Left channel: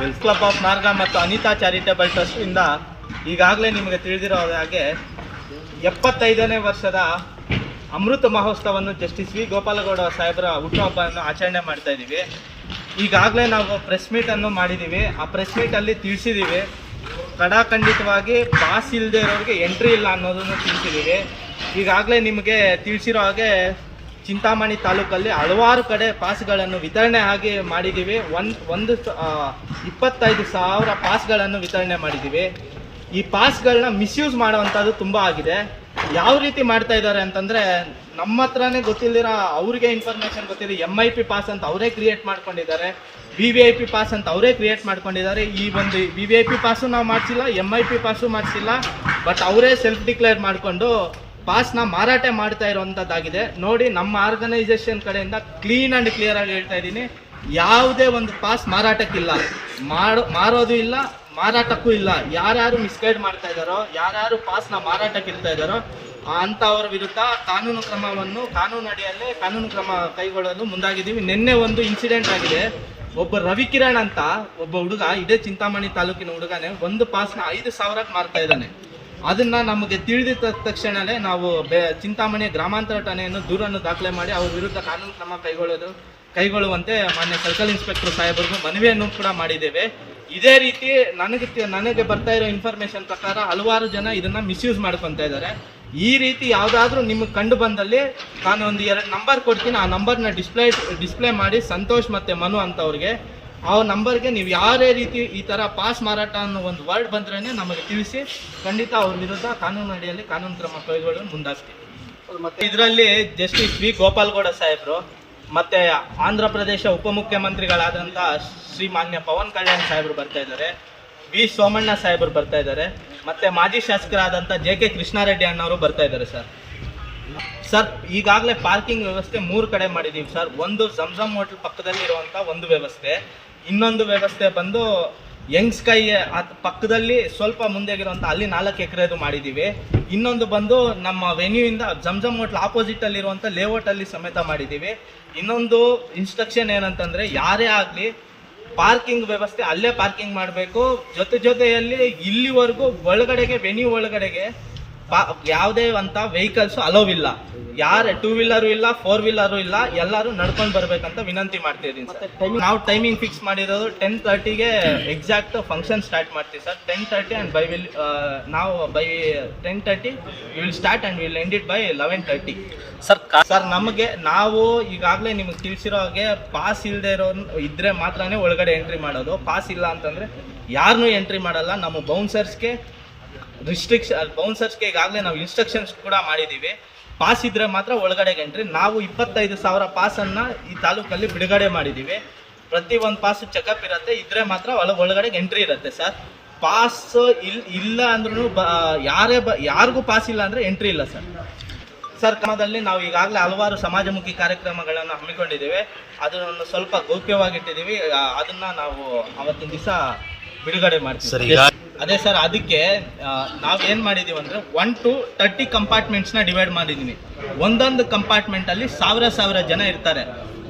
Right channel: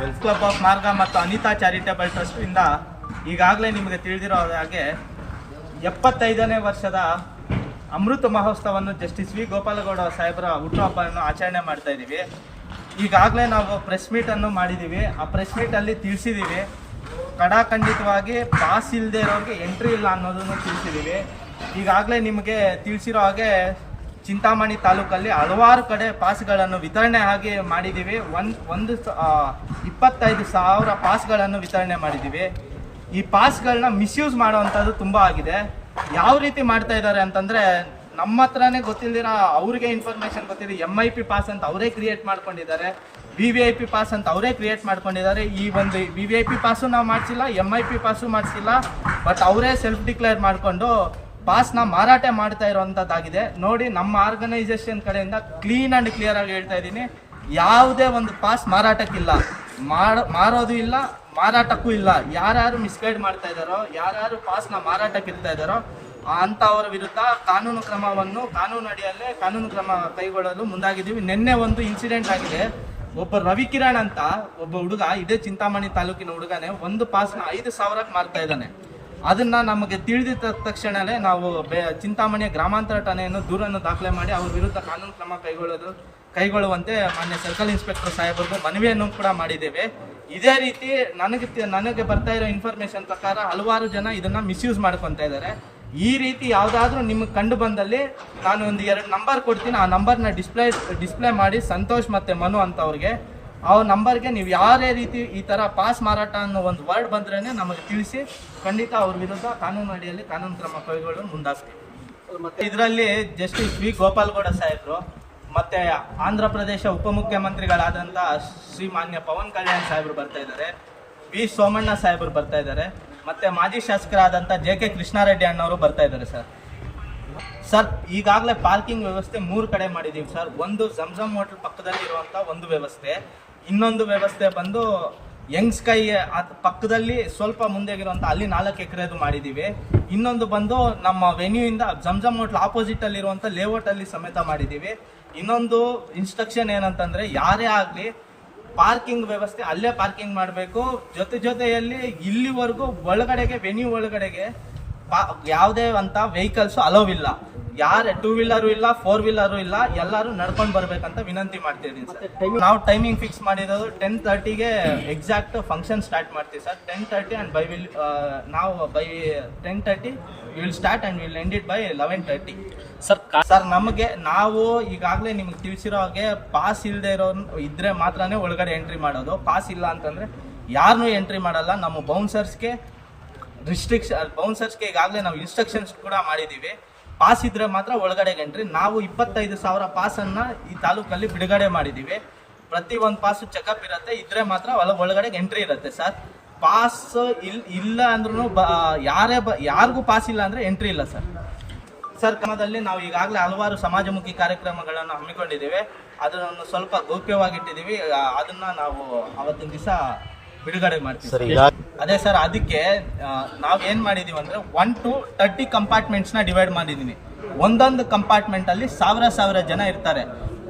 Wells club of ಮಾರ್ಗ ಮತ್ತು Anita charitable ಟ್ರಸ್ಟಿಂದ ಈಗಾಗಲೇ ನಿಮಗೆ ತಿಳಿದಿರೋ ಹಾಗೆ ಎಪ್ಪತ್ತೈದನೇ ವರ್ಷದ ಅಮೃತ ಮಹೋತ್ಸವವನ್ನು ಜಸ್ಟಿಸ್ ವಿ ಗೋಪಾಲಗೌಡ ಸಾಹೇಬರ ಹುಟ್ಟುಹಬ್ಬವನ್ನು ಆಚರಣೆ ಮಾಡ್ತಾ ಇದ್ದೀವಿ. ಈಗಾಗಲೇ ನಾವು ಪ್ರೆಸ್ ಮೀಟನ್ನು ಮಾಡಿದ್ದೀವಿ. ಆ ಪ್ರೆಸ್ ಮೀಟಲ್ಲಿ ತಿಳಿಸಿದ್ದೀವಿ. ಕಡಾಖಂಡಿತವಾಗಿ ಪಾಸ್ ಇಲ್ಲದೆ ಇರೋರಿಗೆ ಎಂಟ್ರಿ ಇಲ್ಲ ಅನ್ನೋದನ್ನು ತಿಳಿಸಿದ್ದೀವಿ. ಈಗಾಗಲೇ ನಿಮಗೆ ತಿಳಿಸಿರೋ ಹಾಗೆ ಚಿಂತಾಮಣಿ ತಾಲೂಕಲ್ಲಿ ಹಲವಾರು ಕಡೆ ಪಾಸ್ಗಳನ್ನು ವಿತರಣೆ ಆಗಿ ಮಾಡಿದ್ದೀವಿ. ಒಂದು ಒಂದು ಇಪ್ಪತ್ತೈದು ಸಾವಿರ ಪಾಸ್ಗಳನ್ನು ವಿತರಣೆ ಮಾಡಿದ್ದೀವಿ. ಈ ಪಾಸ್ಗಳನ್ನ ಮಿಸ್ಯೂಸ್ ಮಾಡುವಂಥದ್ದು ತುಂಬ ಆಗಿದೆ. ಯಾವ ರೀತಿ ಮಾಡ್ತಾ ಇದ್ದಾರೆ ಅಂತಂದರೆ, ನಮ್ಮ ಹತ್ರನೇ ಗೊತ್ತಿಲ್ಲದಿರೋ ಅವ್ರಿಗೆ ಇನ್ಫಾರ್ಮೇಷನ್ ಗೊತ್ತಿದೆ ಎಂ ಐ ಪಿ ಪಾಸ್ ಅಂತ ಅವರೇ ಕ್ರಿಯೇಟ್ ಮಾಡ್ಕೊಂಡಿದ್ದಾರೆ. V V I P pass ಅಂತ ಅವರೇ ಕ್ರಿಯೇಟ್ ಮಾಡ್ಕೊಂಡಿದ್ದಾರೆ. ಈ ಒಂದು V V I P pass ನಾವು ಮಾಡಿಸಿಲ್ಲ ಎಂ ಐ ಪಿ ಪಾಸು ಮಾಡಿಸಿಲ್ಲ. ಬಟ್ ಅವರೇ ಸೆಲ್ಫ್ ಡಿಕ್ಲೇರ್ ಮಾಡಿಕೊಂಡು ಪಾಸ್ನ ಮಾರಾಟ ಮಾಡ್ತಾ ಇರುವಂಥದ್ದಾಗಿದೆ ನೋಡಿ, ನಮ್ಮ ಆರ್ಗನೈಸೇಷನ್ ಕಡೆಯಿಂದ ಕ್ಲೀನ್ ಆ್ಯಂಡ್ ಕ್ಲಿಯರ್ ಆಗಿ ಹೇಳ್ತಾ ಇದ್ದೀನಿ. ಯಾವುದೇ ಒಂದು ಪಾಸ್ ಮಾರಾಟಕ್ಕಿಲ್ಲ. ಮಾರೋ ಮಾರೋದು ಇಲ್ಲ, ಮಾರಾಟಕ್ಕೂ ಇಲ್ಲ. ಯಾರ್ಯಾರು ಮಿಸ್ಗೈಡ್ ಮಾಡ್ತಾ ಇದ್ದಾರೋ, ಯಾರ್ಯಾರು ಪಾಸ್ನ ಮಾರಾಟಕ್ಕೆ ಇರ್ತಾ ಇದ್ದಾರೋ, ಅಂಥವ್ರ ವಿರುದ್ಧ ಕಾನೂನು ಕ್ರಮವನ್ನು ಕಾನೂನು ಅಡಿಯಲ್ಲೇ ಕಾನೂನು ಕ್ರಮ ಕೈಗೊಳ್ಳಲು ಮುಂದಾಗಿದ್ದೀವಿ. ನಿನ್ನೆ ಒಂದು ಇನ್ಸಿಡೆಂಟ್ ಆಗಿದೆ. ಒಬ್ಬ ರವಿಕಿರಣ್ ಅಂತ ಒಬ್ಬ ಹುಡುಗ, ಇದೇ ಚಿಂತಾಮಣಿ ತಾಲೂಕಿನ ಹುಡುಗನೇ, ಒಂದು ಪಾಸ್ನ ಐದು ಸಾವಿರಕ್ಕೆ ಮಾರ್ತಾ ಇದ್ದಾನೆ. ಅದನ್ನ ನಮಗೆ ತಿಳಿದ ತಕ್ಷಣವೇ ನಾವು ಬೆ ಚಿಂತಾಮಣಿ ಗ್ರಾಮಾಂತರ ಠಾಣೆಯನ್ನು ದೂರನ್ನು ದಾಖಲೆ ಮಾಡಿ ಅವ್ರ ವಿರುದ್ಧ ಕಾನೂನು ಕ್ರಮ ಕೈಗೊಳ್ಳೋದು ಕೈಗೊಳ್ಳುವಂತೆ ಮಾನ್ಯ ಸರ್ಕಲ್ ಇನ್ಸ್ಪೆಕ್ಟರ್ ಸಾಹೇಬರಿಗೂ ಮನವಿಯನ್ನು ಕೂಡ ಮಾಡಿದ್ದೇವೆ. ಇದೇ ರೀತಿ ನನಗೆ ನನಗೆ ಬರ್ತಾ ಇರೋ ಇನ್ಫಾರ್ಮೇಶನ್ ಪ್ರಕಾರ ಹಲವಾರು ಜನ ಇದನ್ನ ಮಿಸ್ಯೂಸ್ ಮಾಡ್ಕೊತಾ ಇದ್ದಾರೆ. ಈ ರೀತಿ ಯಾವುದಾದ್ರೂ ನಿಮಗೆ ಕಂಡು ಬಂದಲ್ಲಿ ನಾನು ಒಂದು ಎರಡು ನಂಬರ್ ಕೊಡ್ತೀನಿ. ಆ ನಂಬರ್ನ ಡಿಸ್ಪ್ಲೇ ಡಿಸ್ಪ್ಲೇ ಮಾಡಿ ಸಂತೋಷ್ ಮತ್ತೆ ಮನು ಅಂತವ್ರಿಗೆ. ಆ ನಂಬರ್ಗೆ ನೀವು ಯಾರೇ ರೀತಿ ಈ ಥರ ಪಾಸ್ ಮಾರಾಟ ಅನ್ನೋ ಒಂದು ವರ್ಡ್ ಬಂದ್ರೇ ನಮಗೆ ತಿಳಿಸಿ ಖಂಡಿತ ಅವ್ರ ವಿರುದ್ಧ ಕಾನೂನು ಅಡಿಯಲ್ಲಿ ಕಾನೂನು ಕ್ರಮ ಕೈಗೊಳ್ಳಲು ಮುಂದಾಗ್ತೀವಿ. ಇದರಲ್ಲಿ ಜಸ್ಟಿಸ್ ವಿ ಗೋಪಾಲ್ಗೌಡ ಸಾಹೇಬರು ಮತ್ತು ಆಂಧ್ರ ಪ್ರದೇಶ ಉಪಮುಖ್ಯಮಂತ್ರಿಗಳಾದಂಥ ಶ್ರೀ ಮಾನ್ಯ ಪವನ್ ಕಲ್ಯಾಣ್ ಸಾಹೇಬರು ಬರ್ತಾ ಇದ್ದಾರೆ, ವಿ ಸೋಮಣ್ಣ ಸಾಹೇಬರು ಬರ್ತಾ ಇದ್ದಾರೆ, ಮತ್ತು ಮಾಜಿ ಶಾಸಕರಾದಂಥ ಜೆ ಕೆ ಕೃಷ್ಣಾರೆಡ್ಡಿ ಅನ್ನೋರು ಬರ್ತಾ ಇದ್ದಾರೆ ಸರ್. ಸರ್, ಈಗಾಗಲೇ ಪಾರ್ಕಿಂಗ್ ವ್ಯವಸ್ಥೆ ಮೂರು ಕಡೆ ಮಾಡಿದ್ದೀವಿ ಸರ್. ಒಂದು ಝಮ್ಝಮ್ ಹೋಟ್ಲ್ ಪಕ್ಕದಲ್ಲಿ ಇರುವಂಥ ಒಂದು ವ್ಯವಸ್ಥೆ ಇನ್ನೊಂದು ವ್ಯವಸ್ಥೆ ಬಂದು ಯಂಗ್ ಸ್ಕೈ ಪಕ್ಕದಲ್ಲಿ ಸ್ವಲ್ಪ ಮುಂದೆ ಮುಂದೆಗಿರುವಂಥ ಅಲ್ಲಿ ನಾಲ್ಕು ಎಕರೆದು ಮಾಡಿದ್ದೀವಿ ಇನ್ನೊಂದು ಬಂದು ನಮ್ಮ ವೆನ್ಯೂಯಿಂದ ಜಮ್ಜಮ್ ಹೋಟ್ಲ್ ಇರುವಂಥ ಲೇಔಟಲ್ಲಿ ಸಮೇತ ಮಾಡಿದ್ದೀವಿ ಇನ್ನೊಂದು ಇನ್ಸ್ಟ್ರಕ್ಷನ್ ಏನಂತಂದರೆ ಯಾರೇ ಆಗಲಿ ಪಾರ್ಕಿಂಗ್ ವ್ಯವಸ್ಥೆ ಅಲ್ಲೇ ಪಾರ್ಕಿಂಗ್ ಮಾಡಬೇಕು. ಜೊತೆ ಜೊತೆಯಲ್ಲಿ ಇಲ್ಲಿವರೆಗೂ ಒಳಗಡೆಗೆ ವೆನ್ಯೂ ಒಳಗಡೆಗೆ ಯಾವುದೇ ಅಂತ ವೆಹಿಕಲ್ಸ್ ಅಲೋವ್ ಇಲ್ಲ. ಯಾರು ಟೂ ವೀಲರು ಇಲ್ಲ ಫೋರ್ ವೀಲರು ಇಲ್ಲ ಎಲ್ಲರೂ ನಡ್ಕೊಂಡು ಬರ್ಬೇಕಂತ ವಿನಂತಿ ಮಾಡ್ತಾ ಇದ್ದೀನಿ ಸರ್. ನಾವು ಟೈಮಿಂಗ್ ಫಿಕ್ಸ್ ಮಾಡಿರೋದು ಟೆನ್ ತರ್ಟಿಗೆ ಎಕ್ಸಾಕ್ಟ್ ಫಂಕ್ಷನ್ ಸ್ಟಾರ್ಟ್ ಮಾಡ್ತೀವಿ sir. Ten thirty and by will ನಾವು by ten thirty will start and will end it by eleven thirty sir sir ನಮಗೆ ನಾವು ಈಗಾಗಲೇ ನಿಮಗೆ ತಿಳಿಸಿರೋ ಹಾಗೆ ಪಾಸ್ ಇಲ್ಲದೆ ಇರೋ ಇದ್ರೆ ಮಾತ್ರನೇ ಒಳಗಡೆ ಎಂಟ್ರಿ ಮಾಡೋದು. ಪಾಸ್ ಇಲ್ಲ ಅಂತಂದ್ರೆ ಯಾರನ್ನೂ ಎಂಟ್ರಿ ಮಾಡಲ್ಲ. ನಮ್ಮ ಬೌನ್ಸರ್ಸ್ಗೆ ರಿಸ್ಟ್ರಿಕ್ಷನ್ ಬೌನ್ಸರ್ಸ್ಗೆ ಈಗಾಗಲೇ ನಾವು ಇನ್ಸ್ಟ್ರಕ್ಷನ್ಸ್ ಕೂಡ ಮಾಡಿದ್ದೀವಿ ಪಾಸ್ ಇದ್ದರೆ ಮಾತ್ರ ಒಳಗಡೆಗೆ ಎಂಟ್ರಿ ನಾವು ಇಪ್ಪತ್ತೈದು ಸಾವಿರ ಪಾಸನ್ನು ಈ ತಾಲೂಕಲ್ಲಿ ಬಿಡುಗಡೆ ಮಾಡಿದ್ದೀವಿ ಪ್ರತಿ ಒಂದು ಪಾಸ್ ಚೆಕಪ್ ಇರುತ್ತೆ. ಇದ್ರೆ ಮಾತ್ರ ಒಳಗಡೆ ಒಳಗಡೆಗೆ ಎಂಟ್ರಿ ಇರುತ್ತೆ ಸರ್ ಪಾಸ್ ಇಲ್ ಇಲ್ಲ ಅಂದ್ರೂ ಬ ಯಾರೇ ಬ ಯಾರಿಗೂ ಪಾಸ್ ಇಲ್ಲ ಅಂದರೆ ಎಂಟ್ರಿ ಇಲ್ಲ ಸರ್ ಸರ್ ಕ್ರಮದಲ್ಲಿ ನಾವು ಈಗಾಗಲೇ ಹಲವಾರು ಸಮಾಜಮುಖಿ ಕಾರ್ಯಕ್ರಮಗಳನ್ನು ಹಮ್ಮಿಕೊಂಡಿದ್ದೀವಿ ಅದನ್ನು ಸ್ವಲ್ಪ ಗೌಪ್ಯವಾಗಿಟ್ಟಿದ್ದೀವಿ ಅದನ್ನು ನಾವು ಅವತ್ತಿನ ದಿವಸ ಬಿಡುಗಡೆ ಮಾಡ್ತೀವಿ. ಸರ್ ಅದೇ ಸರ್, ಅದಕ್ಕೆ ನಾವು ಏನು ಮಾಡಿದ್ದೀವಿ ಅಂದರೆ ಒನ್ ಟು ತರ್ಟಿ ಕಂಪಾರ್ಟ್ಮೆಂಟ್ಸ್ನ ಡಿವೈಡ್ ಮಾಡಿದ್ದೀನಿ ಒಂದೊಂದು ಕಂಪಾರ್ಟ್ಮೆಂಟಲ್ಲಿ ಸಾವಿರ ಸಾವಿರ ಜನ ಇರ್ತಾರೆ.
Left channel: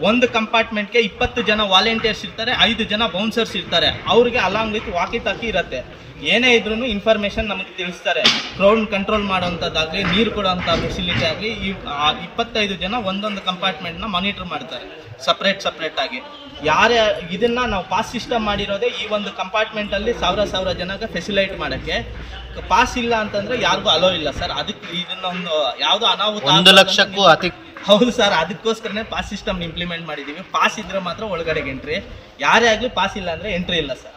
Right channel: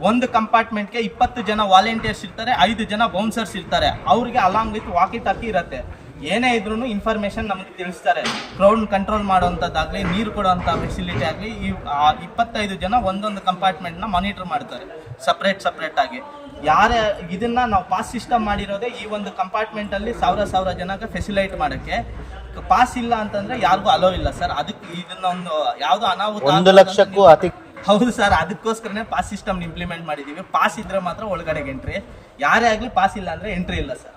ಒಂದು ಕಂಪಾರ್ಟ್ಮೆಂಟ್ಗೆ ಇಪ್ಪತ್ತು ಜನ ವಾಲಂಟಿಯರ್ಸ್ ಇರ್ತಾರೆ ಐದು ಜನ ಬೌನ್ಸರ್ಸ್ ಇರ್ತಾರೆ. ಅವರಿಗೆ ಅಲಾಂಗ್ ವಿತ್ ವಾಕಿ ತಾಕಿ ಇರುತ್ತೆ. ಏನೇ ಇದ್ರೂ ಇನ್ಫಾರ್ಮೇಷನ್ ನಮಗೆ ತಿಳಿಸ್ತಾರೆ. ಕ್ರೌಡ್ ಕಂಟ್ರೋಲ್ ಮಾಡುವಂಥದ್ದಾಗಲಿ ನೀರು ಕೊಡುವಂಥ ಫೆಸಿಲಿಟಿ ಆಗಲಿ ಈ ಇಪ್ಪತ್ತೈದು ಜನ ಒಂದೊಂದು ಕಂಪಾರ್ಟ್ಮೆಂಟ್ನ ಮಾನಿಟರ್ ಮಾಡ್ತಾರೆ. ಸಪ್ರೇಟ್ ಸಪ್ರೇಟ್ ಆಗಿ. ಯಾರೇ ಇದನ್ನ ನಾವು ಪಾಸ್ ಸಿಸ್ಟಮ್ ಮಾಡಿರೋದೇ ಈ ಒಂದು ಕಂಪಾರ್ಟ್ಮೆಂಟ್ ಅಲ್ಲಿ ಸಾವಿರ ಸಾವಿರ ಜನಕ್ಕೆ ಫೆಸಿಲೈಟ್ ಮಾಡಕ್ಕೆ. ಪಾಸ್ ಇಲ್ಲ ಅಂತಂದ್ರೆ ಯಾರಿಗೂ ಅಲೋ ಇಲ್ಲ ಸರ್ ಅದಕ್ಕೆ ಇದನ್ನ ಒಂದು ಯಾವುದೋ ಅನಾಹುತ ಒಂದು ಲಕ್ಷಕ್ಕೂ ಅತಿ ಹೌದು ಸರ್, ಅದಕ್ಕೋಸ್ಕರನೇ ಪಾಸ್ ಸಿಸ್ಟಮ್ ಇಂಪ್ಲಿಮೆಂಟ್ ಮಾಡಿದೀವಿ. ಪಾಸ್ ಇದ್ರೆ ಮಾತ್ರ ಒಳಗಡೆಗೆ ಎಂಟ್ರಿ ಯಾರೇ ಆಗಲಿ ಪಾಸ್ ಇಲ್ಲ ಅಂದರೆ ಎಂಟ್ರಿ ಇಲ್ಲ ಸರ್.